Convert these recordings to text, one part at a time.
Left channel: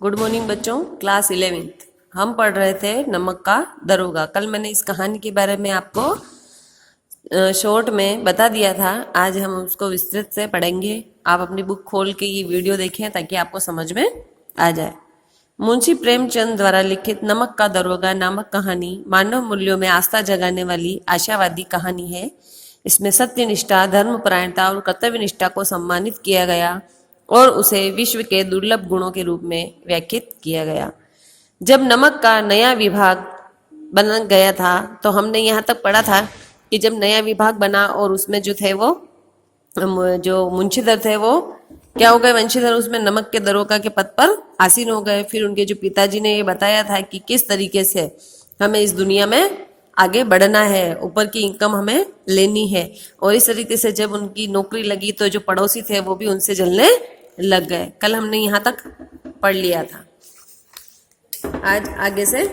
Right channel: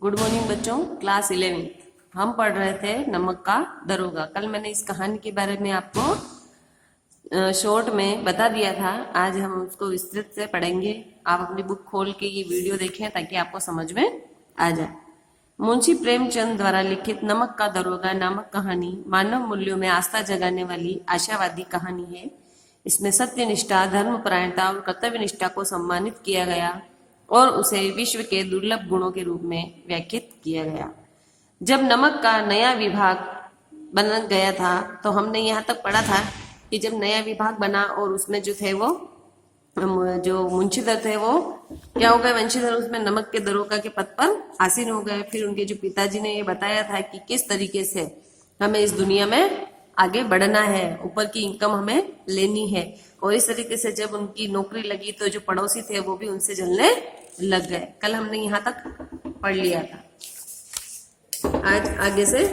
Good morning बच्चों। Class 11th हम पढ़ रहे थे नमक का दरोगा। कल मैंने इस कहानी के बारे में आपको शॉर्ट में बता दिया था। आज हम उसको विस्तृत से पढ़ेंगे। आप अपनी बुक खोल के ये वीडियो देखें ताकि आपको समझ में आ जाए। मुंशी प्रेमचंद द्वारा लिखित नमक का दरोगा नामक कहानी मानव मूल्यों में आस्था जगाने वाली आशावादी कहानी है। इसमें सत्यनिष्ठा, धर्मपरायणता और कर्तव्य निष्ठा को सम्मानित किया गया और उसे विश्व के दुर्लभ गुणों के रूप में व्याख्यात किया गया। जब नमक का नया विभाग बन गया था तो हमने यहाँ तक पढ़ा था कि जब नया विभाग बना और उसमें जो थे वो जो मुंशीधर थे वो क्या हो गए, वंशीधर उसमें नमक के दरोगा के पद पर आसीन हो गए। फिर उनके जो पिताजी ने ये बताया था कि किस तरीके से हमें इस दुनिया में आगे बढ़ना है, ऊपर की इनकम हमें लेनी है। और इस तरीके से जब उनकी नौकरी लगी तो जो पड़ोसी थे वो भी उनसे जलने लग गए। कल हमने यहाँ तक पढ़ लिया था। आज आगे से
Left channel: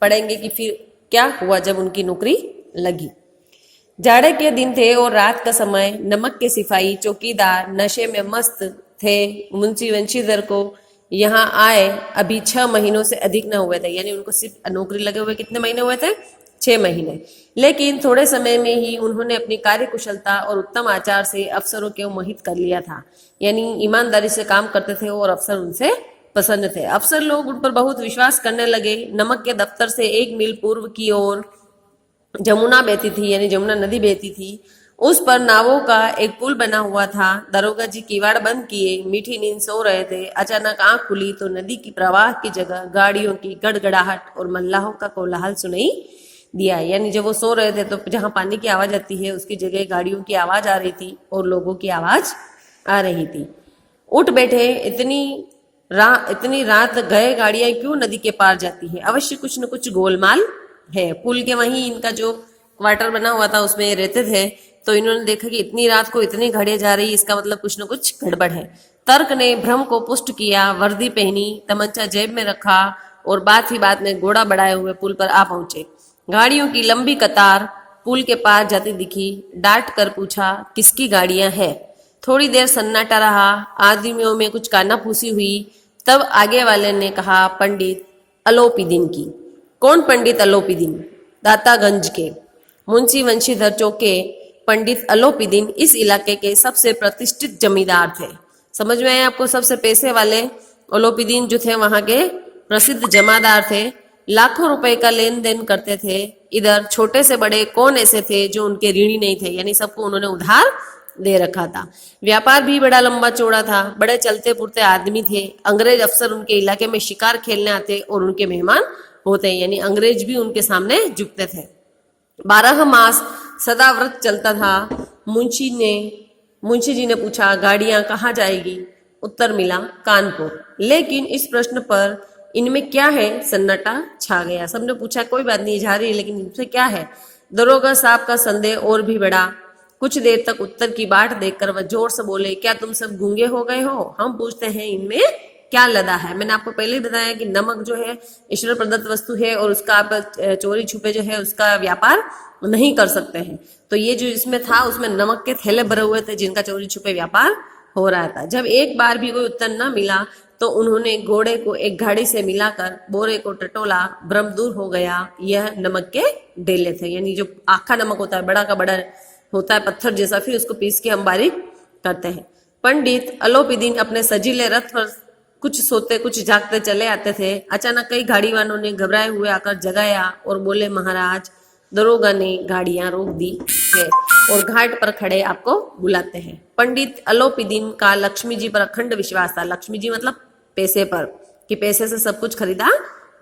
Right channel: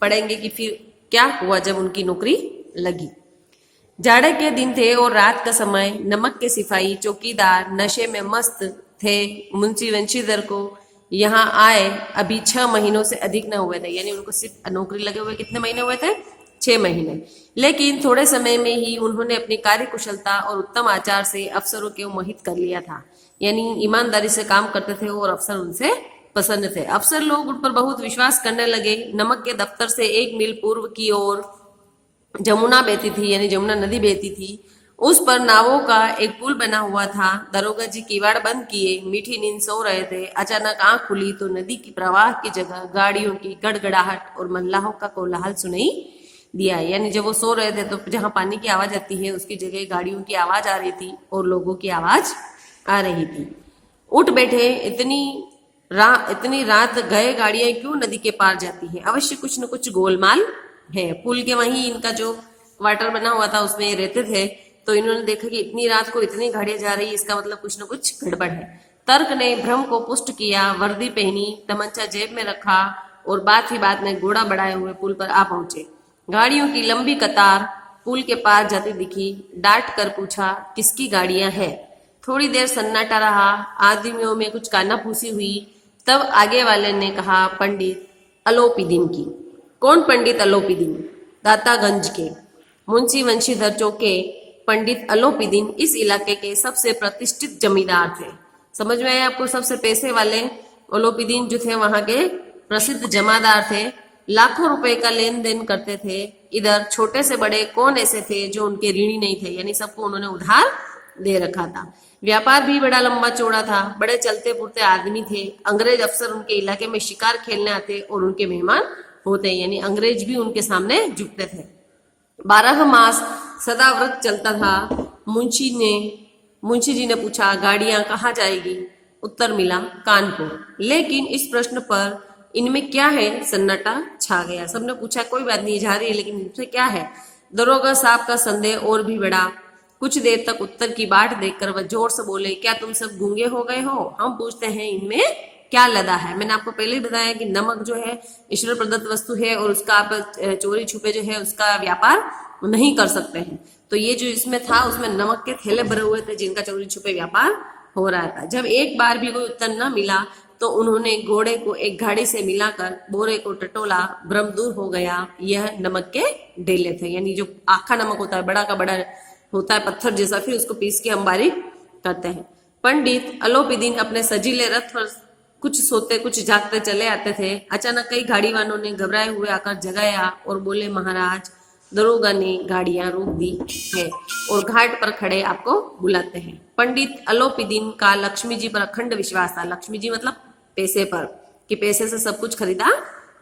पढ़ेंगे कि फिर क्या हुआ जब उनकी नौकरी लगी। जाड़े के दिन थे और रात का समय। नमक के सिपाही चौकीदार नशे में मस्त थे। मुंशी वंशीधर को यहाँ आए अभी 6 महीनों से अधिक न हुए थे, यानी उनको सिर्फ नौकरी लगे हुए कितने महीने हुए थे? 6 महीने। लेकिन थोड़े समय में ही उन्होंने अपनी कार्यकुशलता और उत्तम आचार से अफसरों को मोहित कर लिया था। यानी ईमानदारी से काम करते थे और अफसर उनसे पसंद थे। अफसर लोग उन पर बहुत विश्वास करने लगे। नमक के दफ्तर से 1 मील पूर्व की ओर जमुना बहती थी, यानी जमुना नदी बहती थी। उस पर नावों का एक पुल बना हुआ था। दरोगा जी किवाड़ बंद किए मीठी नींद सो रहे थे। अचानक आंख खुली तो नदी की प्रवाह की जगह गाड़ियों की गड़गड़ाहट और मल्लाहों का कोलाहल सुनाई दिया। यानी जब वो सो रहे थे तो जहां पानी की आवाज आती है उसकी जगह गाड़ियों की आवाज आ रही थी और लोगों की आवाज आ रही थी। उठ बैठे, इतनी रात गए गाड़ियां क्यों नदी के पार जाती है? अवश्य कुछ न कुछ गोलमाल है। पुल के वहीं इनका जो क्वार्टर बना हुआ था उसमें ये रहते थे, तो इन्होंने देखा कि इतनी रात को इतनी गाड़ियां जा रही, इसका मतलब कुछ न कुछ गड़बड़ है। तर्क ने भ्रम को पुष्ट किया। वर्दी पहनी, तमंचा जेब में रखा और बात ही बात में घोड़ा बढ़ाए हुए पुल पर आ पहुंचे। गाड़ियों की लंबी कतार पुल के पार जाती दिखी। डांट कर पूछा, किसकी गाड़ियां हैं? थोड़ी देर सन्नाटा रहा। आदमियों में कुछ कानाफूसी हुई। तब आगे वाले ने कहा, पंडित अलोपीदीन की। कौन पंडित अलोपीदीन? दातागंज के मुंशी वंशीधर चौके। पंडित अलोपीदीन इस इलाके के सबसे प्रतिष्ठित जमींदार थे। समझ में आया आपको? सबसे पैसे वाले अलोपीदीन जो थे वहां के प्रसिद्ध जमादार थे। लाखों रुपए का लेन देन करते थे। इधर छोटे से बड़े कौन ऐसे थे जो उनके ऋणी नहीं थे, यानी सबको उन्होंने उधार दे रखा था। व्यापार भी बड़ा लंबा चौड़ा था। बड़े चलते पुरते आदमी थे। अंग्रेज अफसर उनके इलाके में शिकार खेलने आते और उनके मेहमान होते, यानी अंग्रेज भी उनके सामने झुकते थे। 12 मास सदा व्रत चलता था। मुंशी जी ने पूछा, गाड़ियां कहाँ जाएगी? उत्तर मिला, कानपुर। लेकिन इस प्रश्न पर इनमें क्या है? सन्नाटा छा गया। सबने पूछा कोई बात नहीं जा रही, लेकिन इनसे क्या है? दरोगा साहब का संदेह और भी बढ़ा। कुछ देर तक उत्तर की बाट देखकर वह जोर से बोले, क्या तुम सब गूंगे हो गए हो? हम पूछते हैं इनमें क्या लदा है? मैंने आपको पहले ही बताया कि नमक जो है ईश्वर प्रदत्त वस्तु है और उसका आप चोरी छुपे जो है उसका व्यापार नहीं कर सकते हैं। तो ये जो इसमें था उसमें नमक के थैले भरे हुए थे जिनका चोरी छुपे व्यापार हो रहा था। जब एक बार भी कोई उत्तर न मिला तो उन्होंने घोड़े को एक घाड़ी से मिलाकर बोरे को टटोला। भ्रम दूर हो गया। यह नमक के डेले थे, यानी जो आखा नमक होता है, बड़ा का बड़ा होता है पत्थर जैसा, फिर उसको पीस के हम बारीक करते हैं। पंडित अलोपीदीन अपने सजीले रथ पर कुछ सोते कुछ जागते चले आते थे। अचानक कई गाड़ी वालों ने घबराए हुए आकर जगाया और बोले, महाराज दरोगा ने गाड़ियां रोक दी है और घाट पर खड़े आपको बुलाते हैं। पंडित अलोपीदीन का लक्ष्मी जी पर अखंड विश्वास था। लक्ष्मी जी मतलब पैसे पर, कि पैसे से सब कुछ खरीदा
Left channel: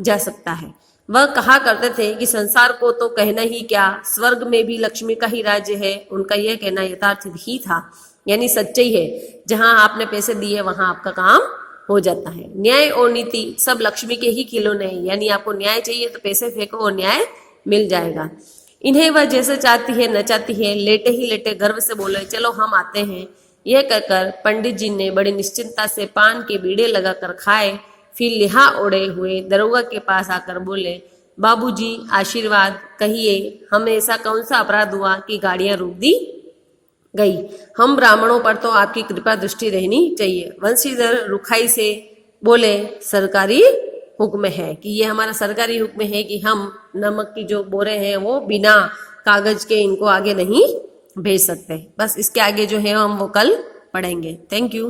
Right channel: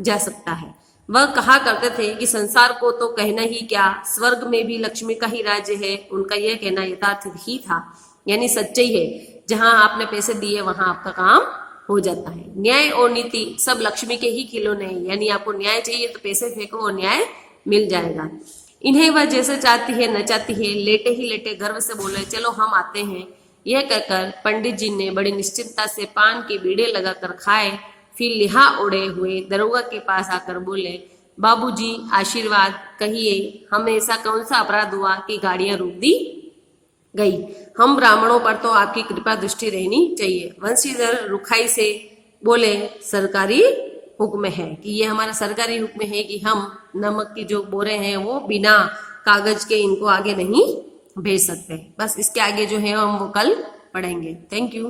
जा सकता है। वह कहा करते थे कि संसार को तो कहना ही क्या, स्वर्ग में भी लक्ष्मी का ही राज्य है। उनका यह कहना यथार्थ ही था, यानी सच्चाई है। जहां आपने पैसे दिए वहां आपका काम हो जाता है। न्याय और नीति सब लक्ष्मी के ही खिलौने हैं, यानी आपको न्याय चाहिए तो पैसे फेंको और न्याय मिल जाएगा। इन्हें वह जैसे चाहती है न चाहती है। लेटे ही लेटे गर्व से बोले, चलो हम आते हैं। यह कहकर पंडित जी ने बड़ी निश्चिंतता से पान के बीड़े लगाकर खाए। फिर लिहा ओढ़े हुए दरोगा के पास आकर बोले, बाबूजी आशीर्वाद कहिए, हमें ऐसा कौन सा अपराध हुआ कि गाड़ियां रोक दी गई? हम ब्राह्मणों पर तो आपकी कृपा दृष्टि रहनी चाहिए। वंशीधर रुखाई से बोले सरकारी हुक्म है, कि ये हमारा सरकारी हुक्म है कि हम नमक की जो बोरे हैं वो बिना कागज के इनको आगे नहीं भेज सकते। बस इसके आगे जो है हम वो कल पढ़ेंगे। Thank you.